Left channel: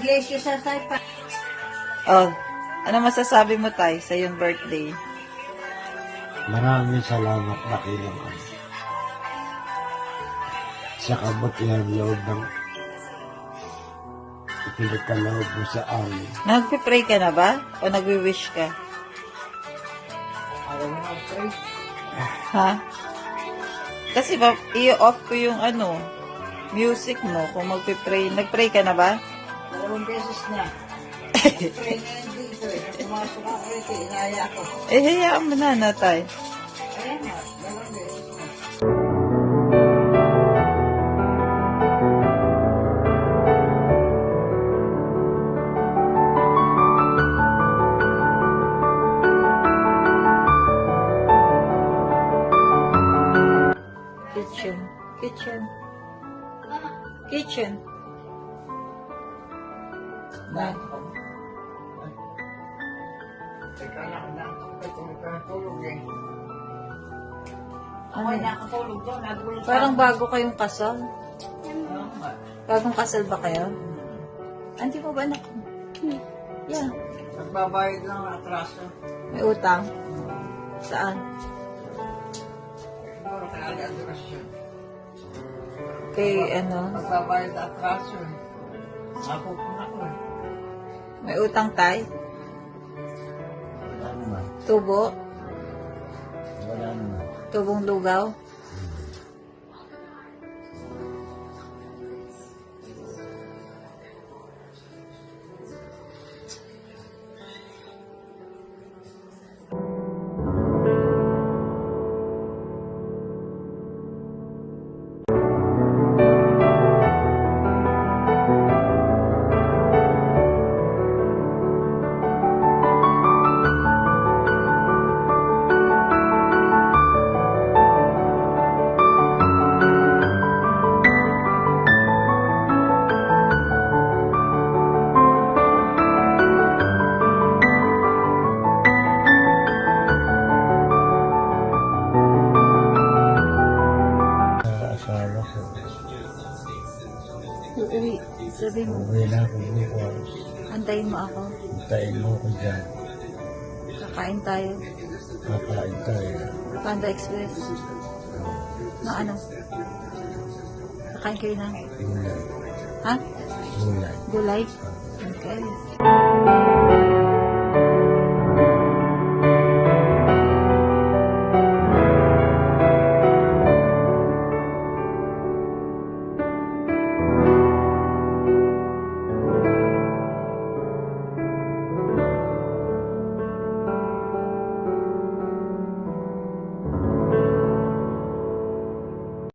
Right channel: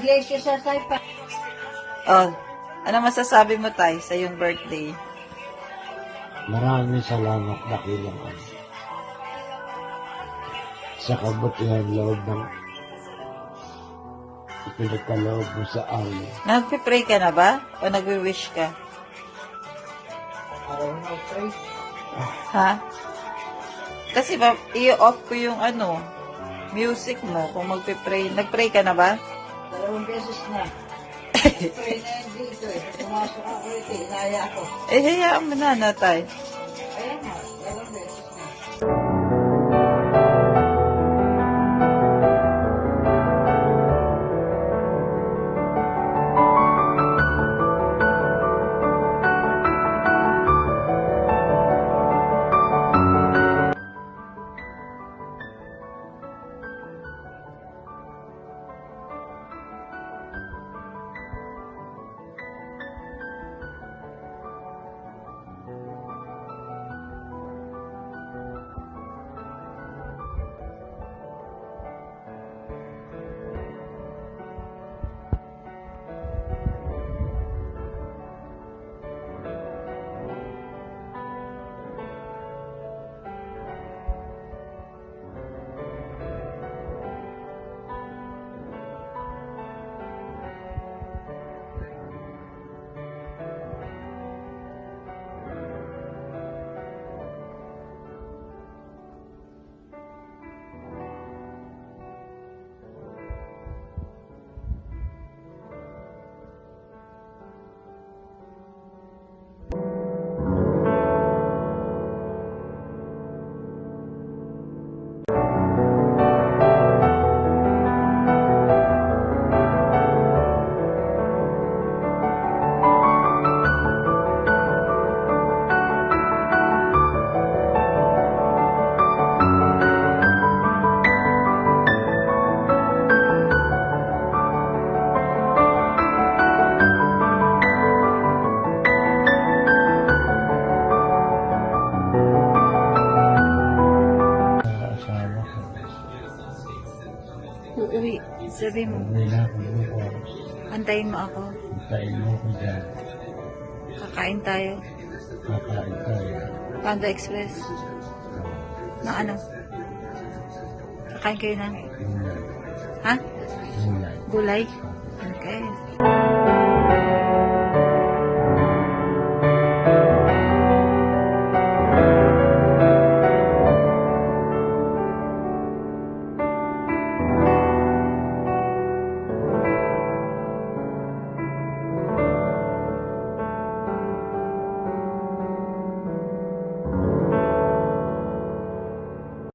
iglesia sa tayo pa. Oh, ano masasabi mo tayo sa iyong birthday? Maraming salamat dakilang Ama sa kabutihan loob ng ipinagkaloob mo sa amin. Nagpo-pray ka na ba? O nagwi-wish ka? Araw na pray. Ha? Kasi i-off ko yung music mo kung magpe-pray. Nag-pray ka na ba? 2 beses na. Pray na yan dito eh. Pumasok ako dito, inaya ako. Hayaan mo na, Natay. Ayun nga, 2 beses na. Kitchen. Na. Teka lang, ito magkatulog eh. Ako ay nakatulog dyan, nagulat ako. Parang bago kayong kasal. Bagong kasal ba kayo? Hindi mo ba anak? Yeah. Nagbabayad ng atraso. May utang. Saan? Siguro kaya atraso. Kay Nagbabayad ng atraso eh. Ako ako. may utang tay? Tubo? Tubong lugaw? Asawa ko, Uuwi. Sabi mo, uwi na ako bukas. antayin mo ako. Hintayin mo ko dyan. Kakain tayo. Kakain tayo. Panda Express. Na ano? Kakain kayo ng... Gulay. Ha? Gulay. Gulay? Okay.